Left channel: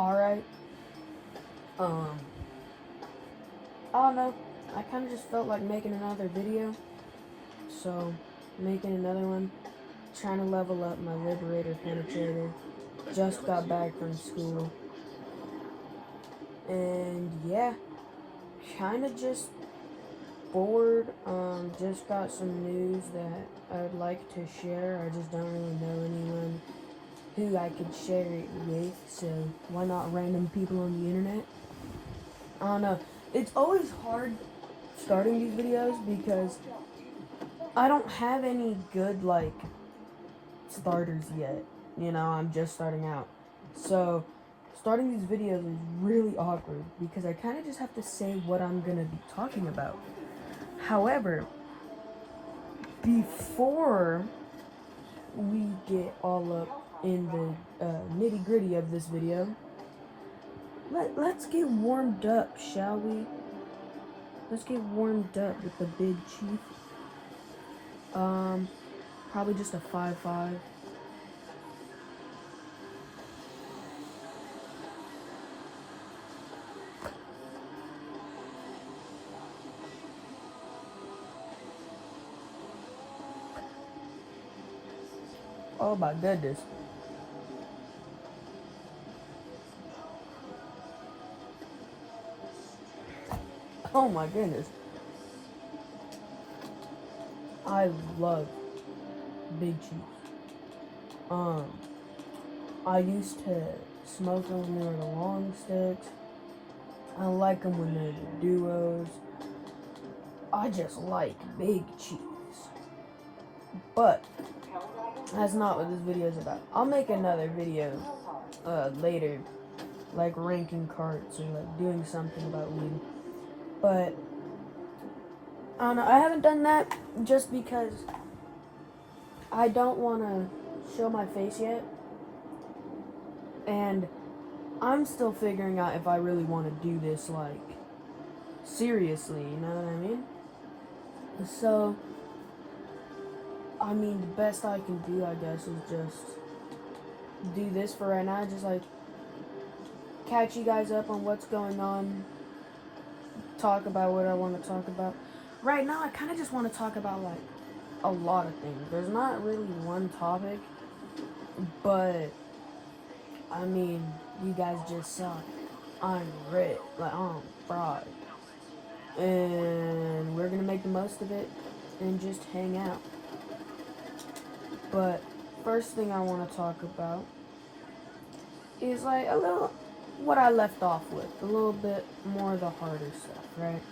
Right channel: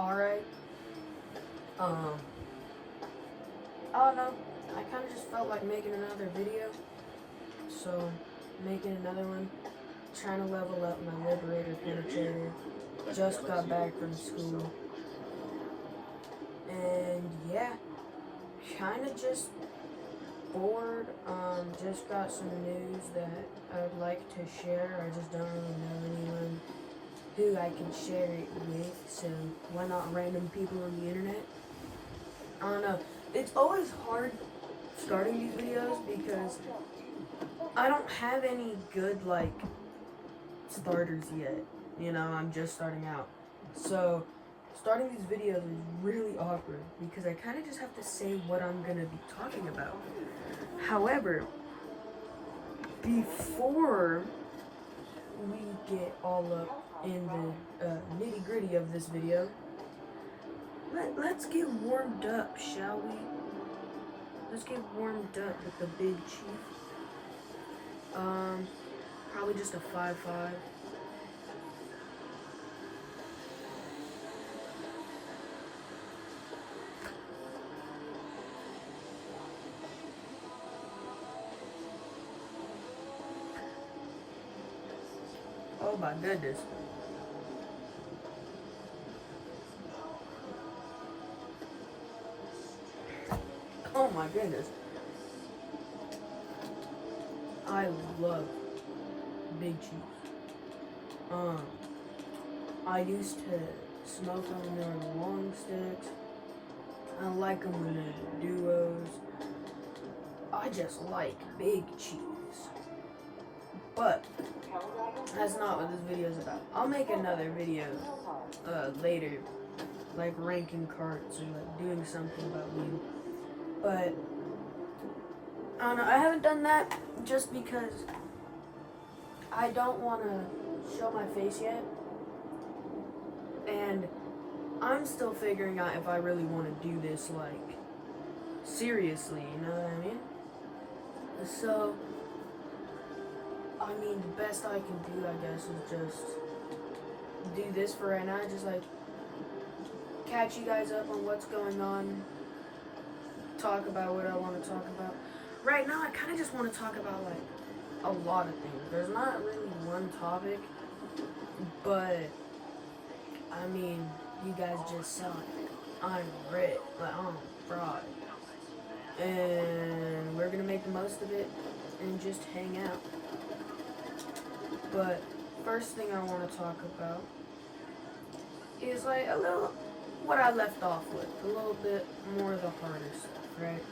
alright. I don't know. I kind of just felt like making another video. So, making another one. Trying to level up my Liberator penetrator. Just got back from school. And yeah, kind of just bored. Just got some news that I'd like to share. I just don't really know anyone who I can share it with, so why not random people on the internet? I don't know. It's always hard starting these videos because I don't have any good, like, starters yet. You know, I'm just starting out. So, starting these videos is really awkward because I kind of just have to say what I'm going to be talking about. However, before we get all up in the nitty-gritty of this video, let's get warmed up, shall we? Let's get warmed up with the big chief. Probably just a 5-5. Oh my goodness. Oh my goodness. I love big cheese. I used to smoke them when they were long sticks. I like them when they're duos. I just like big cheese. But that's not what this video is about. I'll make another video later, like ranking carts or like doing something about weed. But I don't know. I haven't done that just because I don't want to show my face yet, and I'm still figuring out if I really want to do this like seriously. You know what I mean? So, I mean, the best I can do, I guess, is just do this for right now. Just like catch you guys up on what's going on. Talk about what I want to talk about. Right now, I kind of just want to talk about like a lot of things. There's not really one topic, but I mean, you guys just saw it. I'm red, like I'm fried, and we're gonna make the most of it and just hang out. But first thing I want to talk about is like a little what I left off with, a little bit more of the harder stuff, right?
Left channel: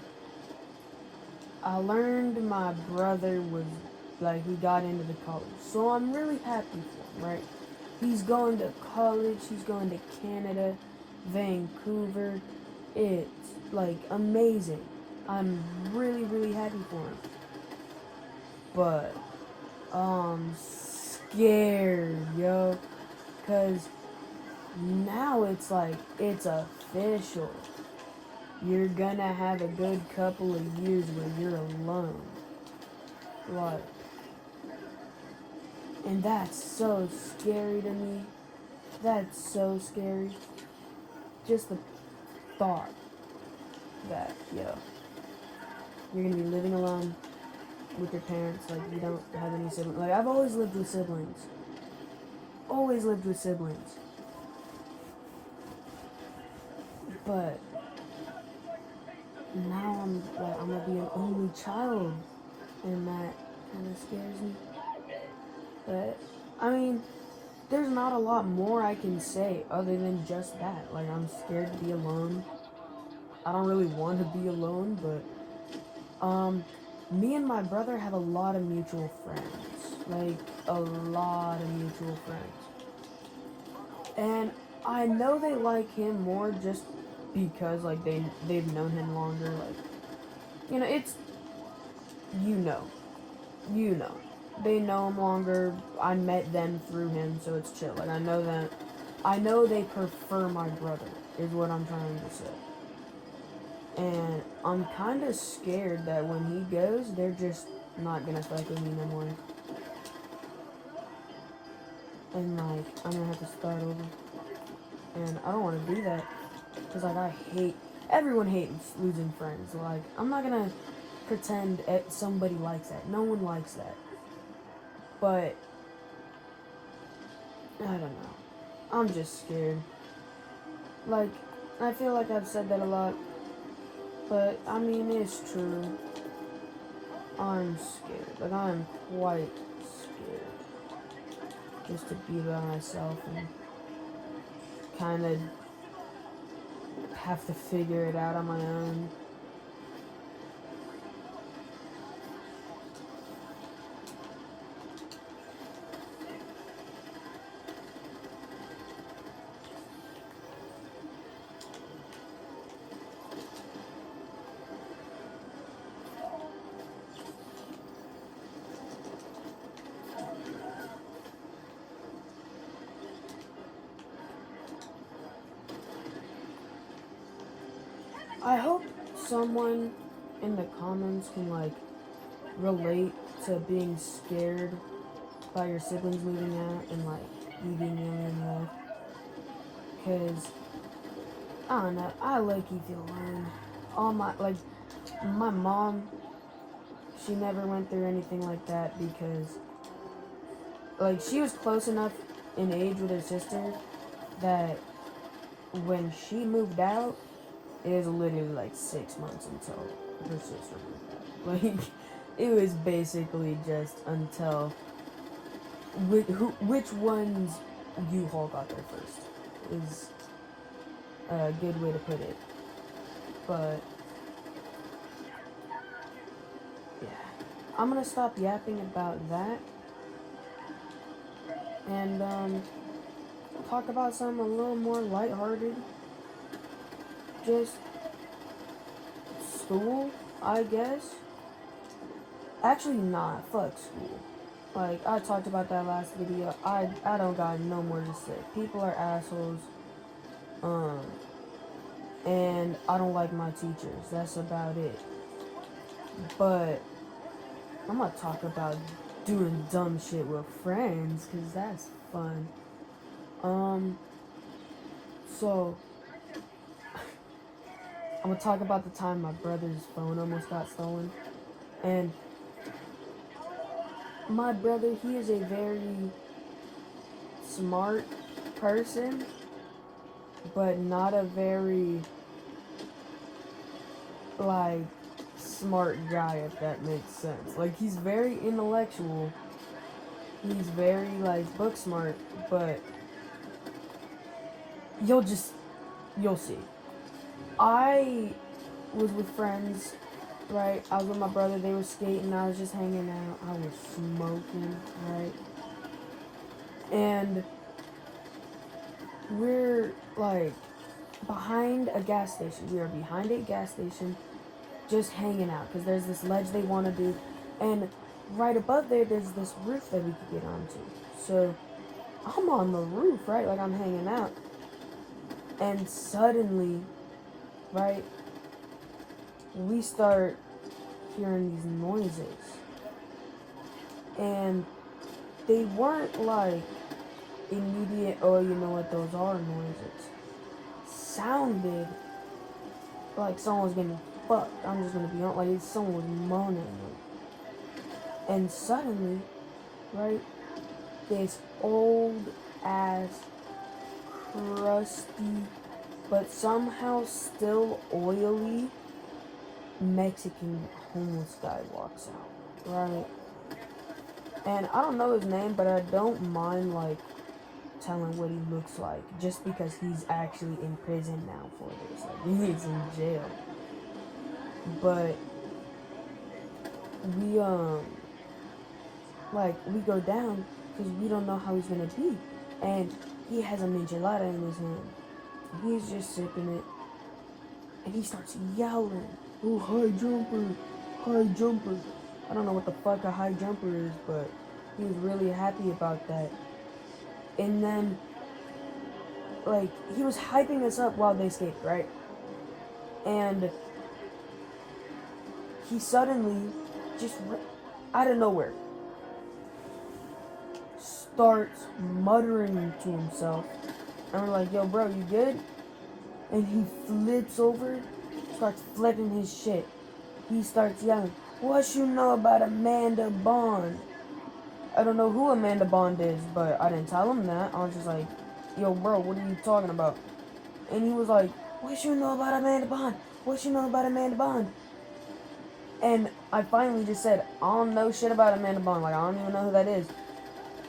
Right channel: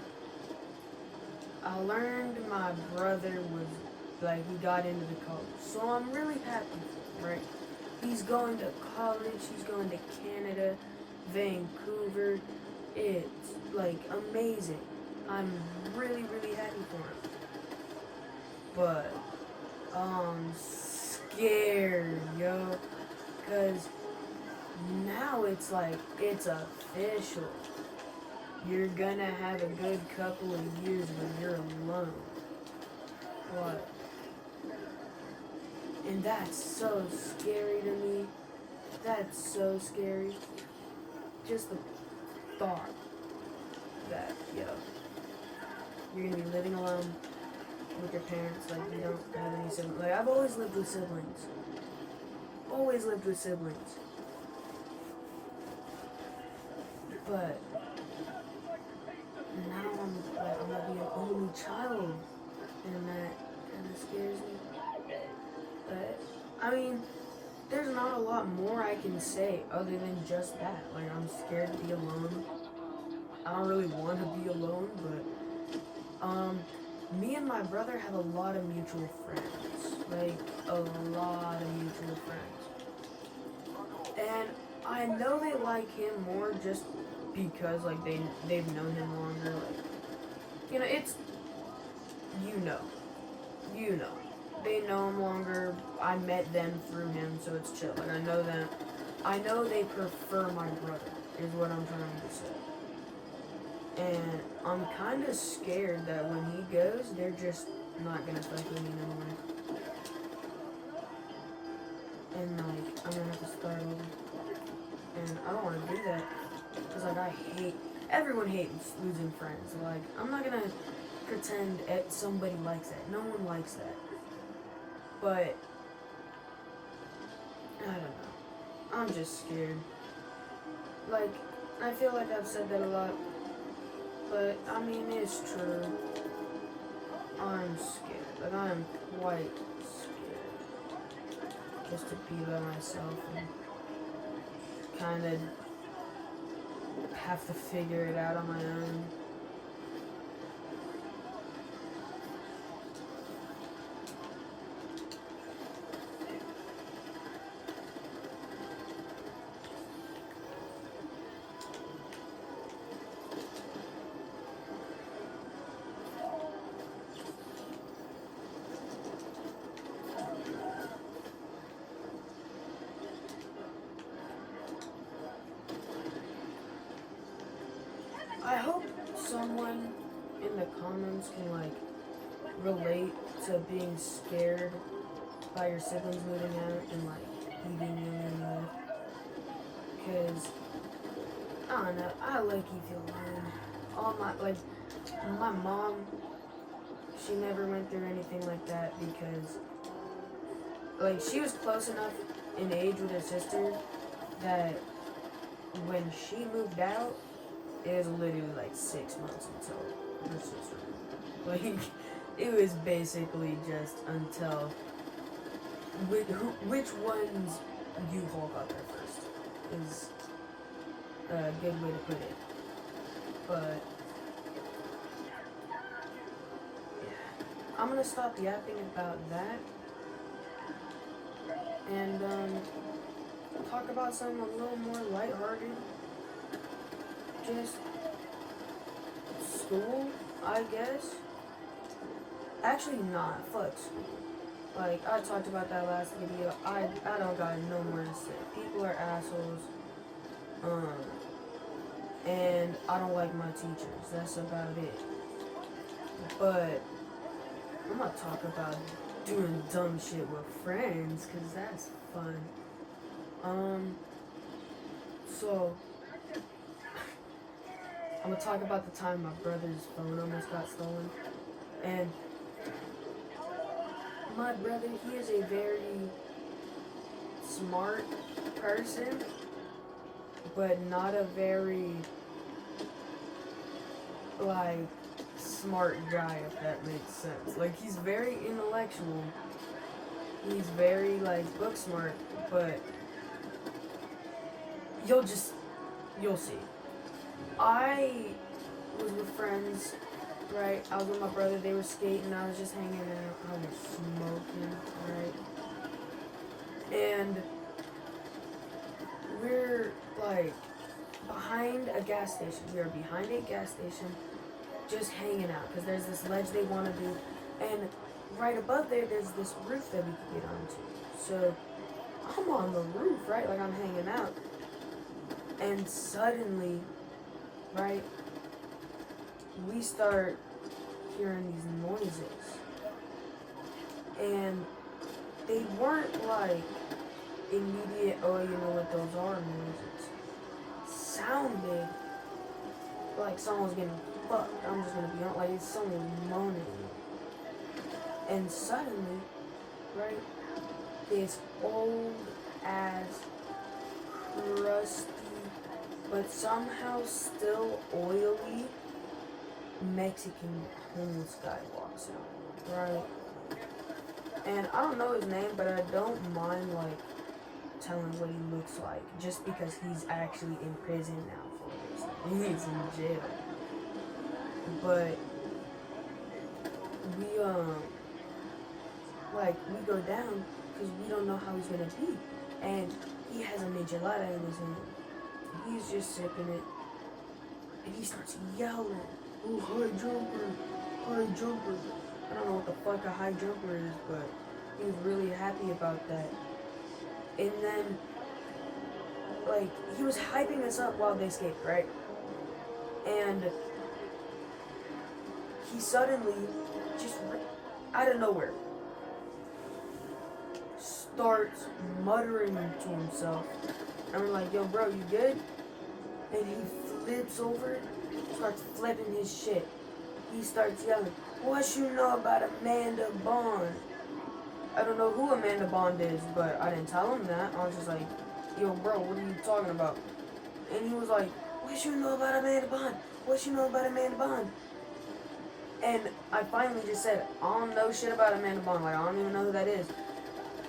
I learned my brother was like, he got into the college, so I'm really happy for him, right? He's going to college, he's going to Canada, Vancouver. It's like amazing. I'm really, really happy for him. But I'm scared, yo, cause now it's like, it's official. You're gonna have a good couple of years when you're alone. What? And that's so scary to me. That's so scary. Just the thought that, yo, you're gonna be living alone with your parents, like you don't have any siblings. Like, I've always lived with siblings. Always lived with siblings. But now I'm gonna be an only child, and that kind of scares me. But I mean, there's not a lot more I can say other than just that. Like, I'm scared to be alone. I don't really want to be alone, but me and my brother have a lot of mutual friends. Like, a lot of mutual friends. And I know they like him more just because, like, they've known him longer. Like, you know, it's, you know. They know him longer. I met them through him, so it's chill. Like, I know they prefer my brother, is what I'm trying to say. And I'm kind of scared that when he goes, they're just not gonna fuck with me no more. And like, I'm gonna have to start over. And I don't want to do that because like everyone hates losing friends. Like I'm not gonna pretend somebody likes that. No one likes that. But I don't know. I'm just scared. Like I feel like I've said that a lot, but I mean it's true. I'm scared. Like I'm quite scared. Just to be by myself and kind of have to figure it out on my own. I hope someone in the comments can like relate to being scared by your siblings moving out and like leaving you in life. Cause I don't know, I like you feel alone. All my mom, she never went through anything like that because like she was close enough in age with her sister that when she moved out, it was literally like 6 months until her sister moved out. Like, it was basically just until which ones U-Haul got there first is a good way to put it. But yeah, I'm gonna stop yapping about that and talk about something a little more lighthearted. Just school, I guess. Actually, not. Fuck school. Like, I talked about that last video. I don't got no more to say. People are assholes. And I don't like my teachers. That's about it. But I'm gonna talk about doing dumb shit with friends, cause that's fun. So I'm gonna talk about the time my brother's phone almost got stolen. And my brother, he is a very smart person, but not a very, like, smart guy, if that makes sense. Like, he's very intellectual. He's very, like, book smart, but you'll see. I was with friends, right? I was with my brother, they were skating, I was just hanging out, I was smoking, right? And we're like behind a gas station. We are behind a gas station just hanging out because there's this ledge they want to do, and right above there there's this roof that we could get onto. So I'm on the roof, right? Like I'm hanging out, and suddenly, right, we start hearing these noises, and they weren't like immediate, oh, you know what those are noises. Sounded like someone was getting fucked. I'm just gonna be honest, like someone was moaning. And suddenly, right, this old ass, crusty, but somehow still oily Mexican homeless guy walks out, right? And I don't know his name, but I don't mind like telling what he looks like, just because he's actually in prison now for this. Like, he's in jail. But we we go down because we don't know how he's gonna be, and he has a michelada in his hand. He's just sipping it, and he starts yelling, "Oh, high jumper, high jumper!" I don't know what the fuck a high jumper is, but he was really happy about that. And then, like, he was hyping us up while they skated, right? And he suddenly, just out of nowhere, starts muttering to himself. And we're like, yo, bro, you good? and he flips over, starts flipping his shit. He starts yelling, "What you know about Amanda Bond?" I don't know who Amanda Bond is, but I didn't tell him that. I was just like, "Yo, bro, what are you talking about?" And he was like, "What you know about Amanda Bond? What you know about Amanda Bond?" And I finally just said, "I don't know shit about Amanda Bond. Like, I don't even know who that is."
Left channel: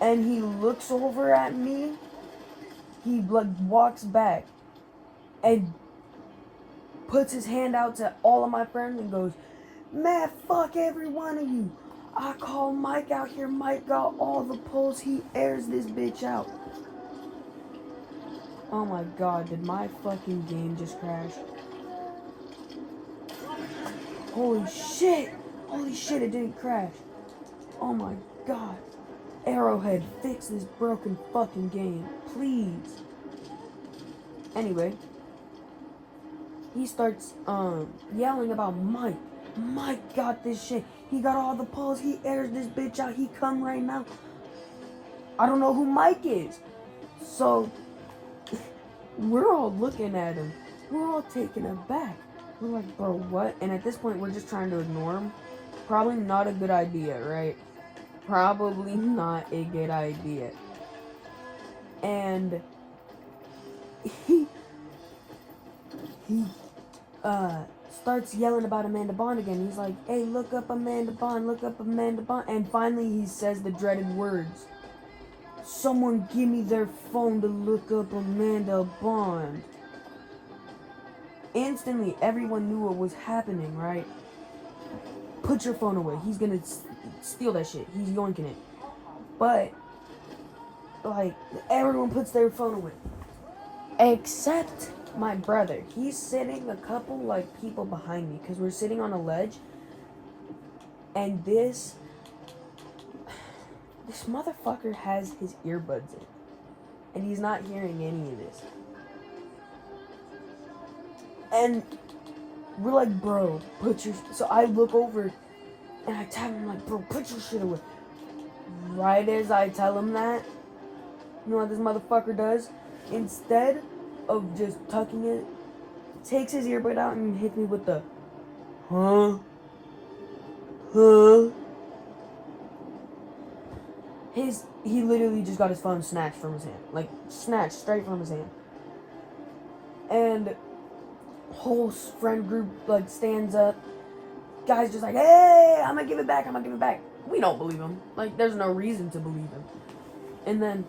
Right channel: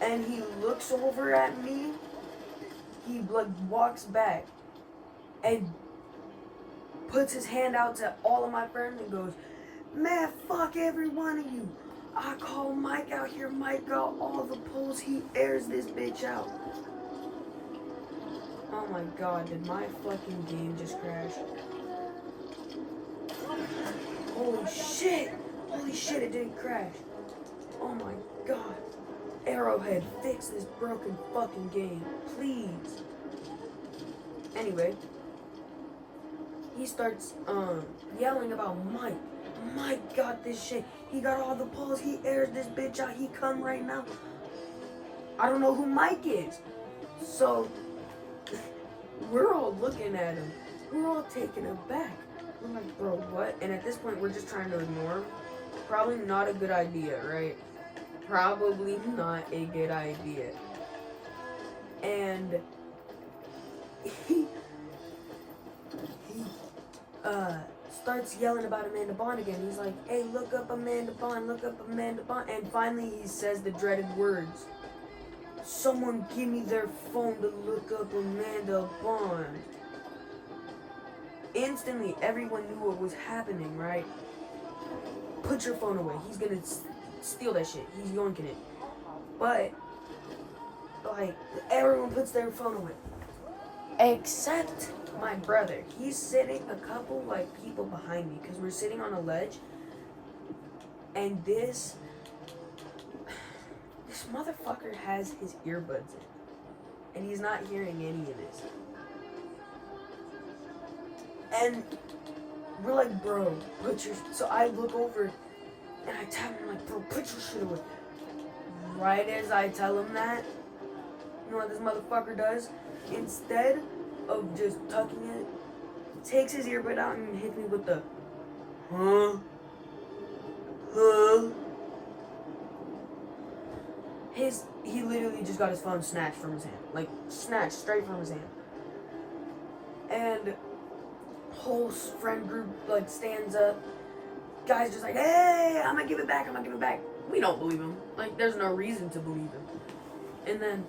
And he looks over at me. He like walks back and puts his hand out to all of my friends and goes, "Man, fuck every one of you. I call Mike out here. Mike got all the polls. He airs this bitch out." Oh my god, did my fucking game just crash? Holy shit! Holy shit, it didn't crash. Oh my god. Arrowhead, fix this broken fucking game, please. Anyway, he starts yelling about Mike. Mike got this shit. He got all the polls. He airs this bitch out. He come right now. I don't know who Mike is. So we're all looking at him. We're all taken aback. We're like, "Bro, what?" And at this point, we're just trying to ignore him. Probably not a good idea, right? Probably not a good idea. And he starts yelling about Amanda Bond again. He's like, "Hey, look up Amanda Bond, look up Amanda Bond." And finally he says the dreaded words, "Someone give me their phone to look up Amanda Bond." Instantly, everyone knew what was happening, right? "Put your phone away. He's gonna steal that shit. He's yoinking it." But, like, everyone puts their phone away. Except my brother. He's sitting a couple, like, people behind me, because we're sitting on a ledge. And this motherfucker has his earbuds in. And he's not hearing any of this. And we're like, "Bro, put your..." So I look over and I tell him, like, "Bro, put your shit away." Right as I tell him that, you know what this motherfucker does? Instead of just tucking it, takes his earbud out and hits me with the, "Huh? Huh?" He literally just got his phone snatched from his hand. Like, snatched straight from his hand. And whole friend group, like, stands up. Guy's just like, "Hey, I'm gonna give it back, I'm gonna give it back." We don't believe him. Like, there's no reason to believe him. And then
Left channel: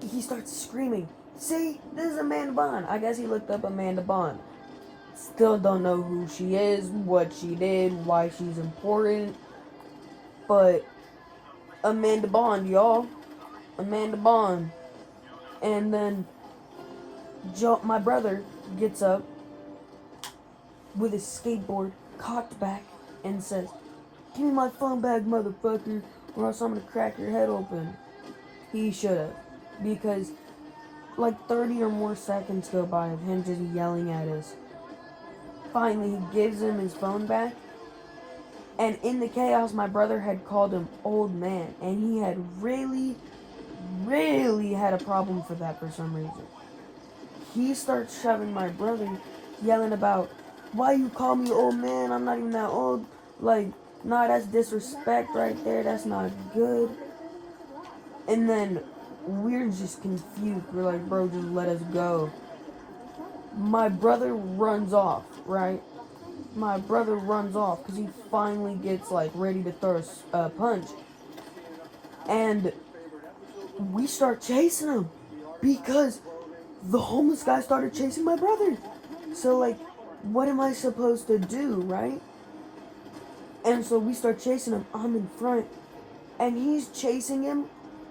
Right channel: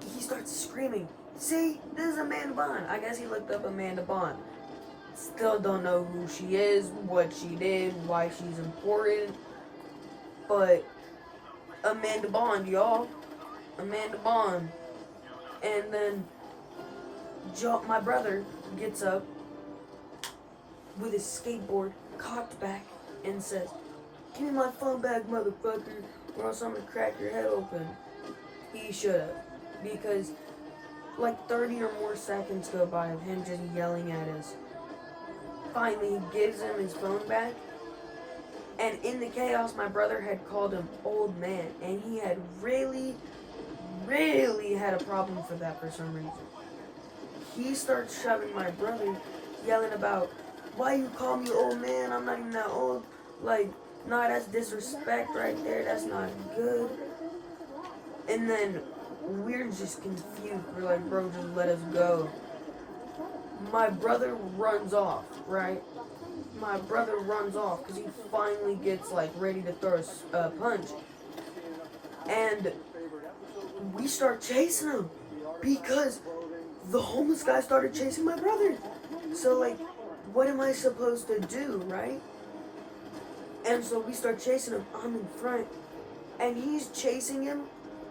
he starts screaming, "See, this is Amanda Bond." I guess he looked up Amanda Bond. Still don't know who she is, what she did, why she's important. But Amanda Bond, y'all. Amanda Bond. And then my brother gets up with his skateboard cocked back and says, "Give me my phone back, motherfucker, or else I'm gonna crack your head open." He should have. Because like 30 or more seconds go by of him just yelling at us. Finally, he gives him his phone back. And in the chaos, my brother had called him old man. And he had really had a problem for that for some reason. He starts shoving my brother, yelling about, "Why you call me old man? I'm not even that old." Like, nah, that's disrespect right there. That's not good. And then we're just confused. We're like, "Bro, just let us go." My brother runs off, right? My brother runs off because he finally gets, like, ready to throw a punch. And we start chasing him because the homeless guy started chasing my brother. So, like, what am I supposed to do, right? And so we start chasing him. I'm in front. And he's chasing him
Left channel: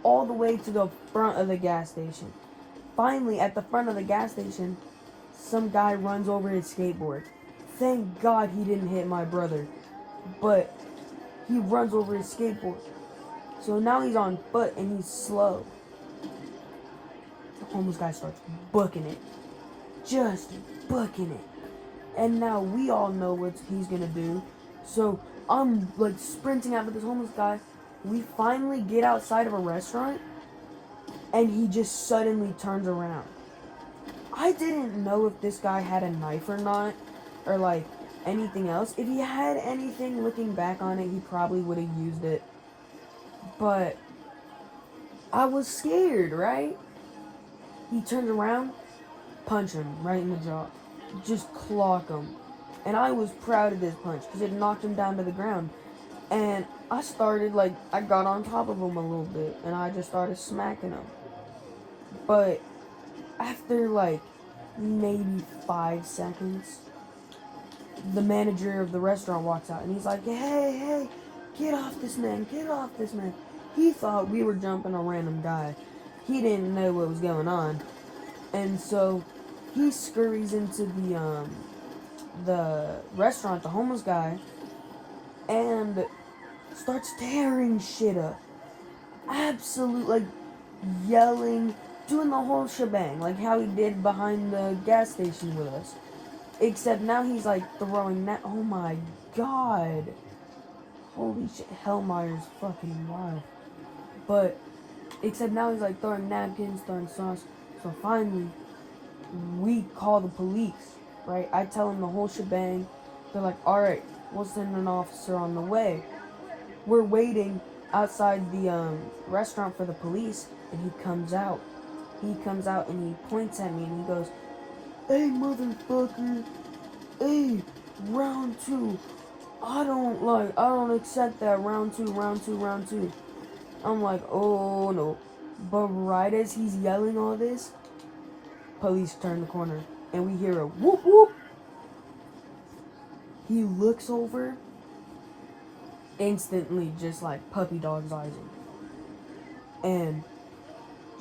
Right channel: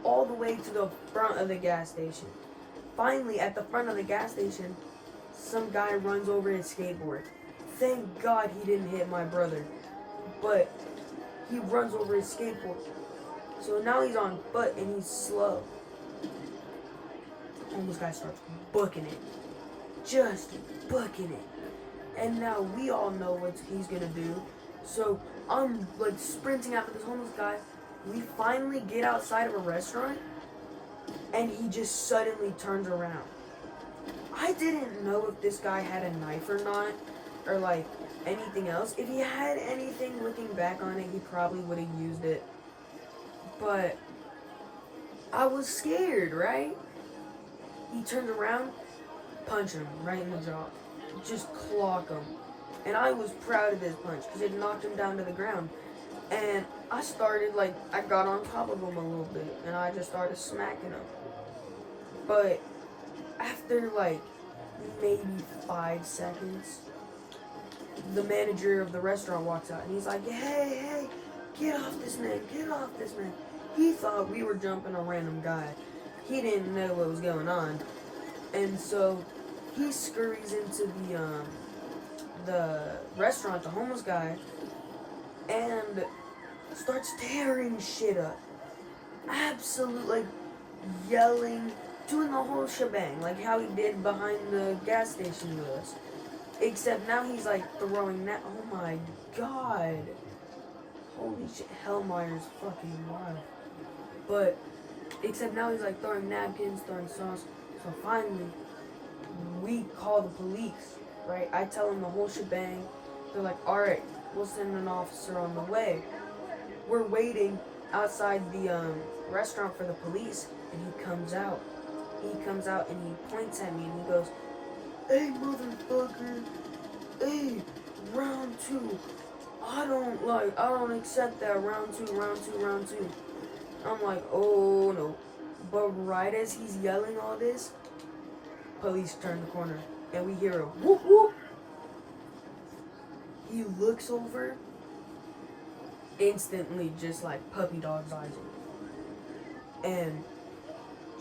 all the way to the front of the gas station. Finally, at the front of the gas station, some guy runs over his skateboard. Thank God he didn't hit my brother. But he runs over his skateboard. So now he's on foot and he's slow. The homeless guy starts booking it. Just booking it. And now we all know what he's gonna do. So I'm like sprinting after this homeless guy. We finally get outside of a restaurant and he just suddenly turns around. I didn't know if this guy had a knife or not, or like anything else. If he had anything, looking back on it, he probably would have used it. But I was scared, right? He turned around, punch him right in the jaw. Just clock him. And I was proud of this punch because it knocked him down to the ground. And I started, like, I got on top of him a little bit and I just started smacking him. But after, like, maybe 5 seconds, the manager of the restaurant walks out and he's like, hey, get off this man, get off this man. He thought we were jumping a random guy. He didn't know what was going on. And so he scurries into the restaurant, the homeless guy, and starts tearing shit up. Absolute, like, yelling, doing the whole shebang, like how he did behind the gas station with us. Except now he's like throwing that. Oh my god. Holy shit, Hellmeyer's fucking alive. But, except now he's like throwing napkins, throwing sauce. So finally, we call the police, right? I tell them the whole shebang. They're like, alright, we'll send an officer on the way. We're waiting outside the restaurant for the police, and he comes out. He comes out and he points at me and he goes, hey, motherfucker. Hey, round 2. I don't accept that. Round two. I'm like, oh no. But right as he's yelling all this, police turn the corner and we hear a whoop whoop. He looks over, instantly just like puppy dog's eyes, and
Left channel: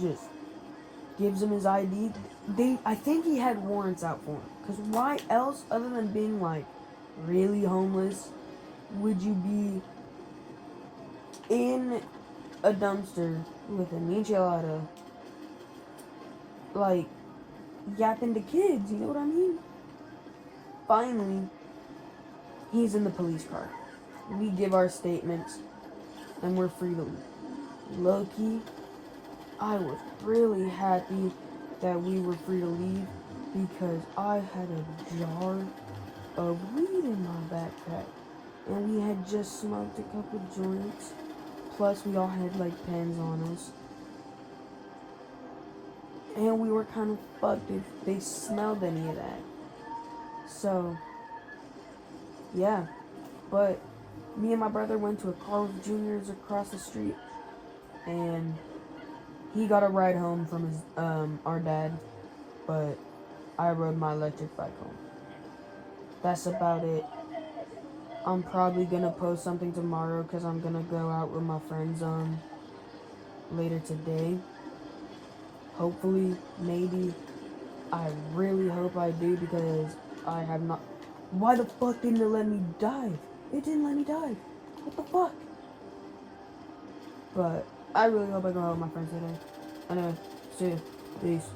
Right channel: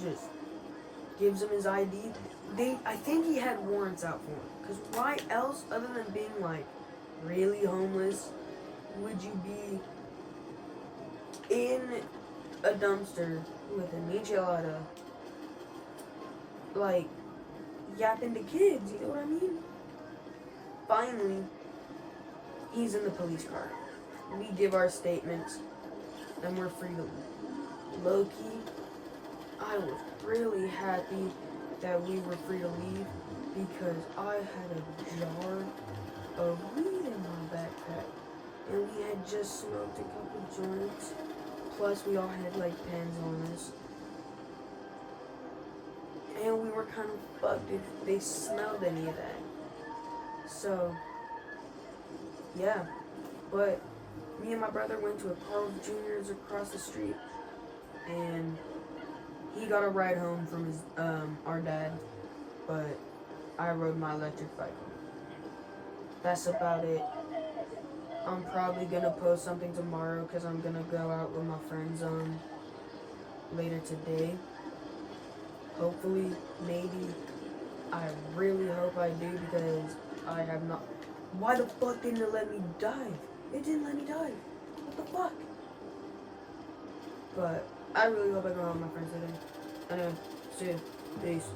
just gives him his ID. I think he had warrants out for him. Because why else, other than being like really homeless, would you be in a dumpster with an enchilada, like yapping to kids? You know what I mean? Finally, he's in the police car. We give our statements, and we're free to leave. Low-key, I was really happy that we were free to leave because I had a jar of weed in my backpack, and we had just smoked a couple joints, plus we all had like pens on us, and we were kind of fucked if they smelled any of that. So yeah, but me and my brother went to a Carl's Jr.'s across the street, and he got a ride home from his our dad, but I rode my electric bike home. That's about it. I'm probably gonna post something tomorrow because I'm gonna go out with my friends later today. Hopefully, maybe. I really hope I do because I have not. Why the fuck didn't it let me dive? It didn't let me dive. What the fuck? But I really hope I go out with my friends today. Anyway, see you. Peace.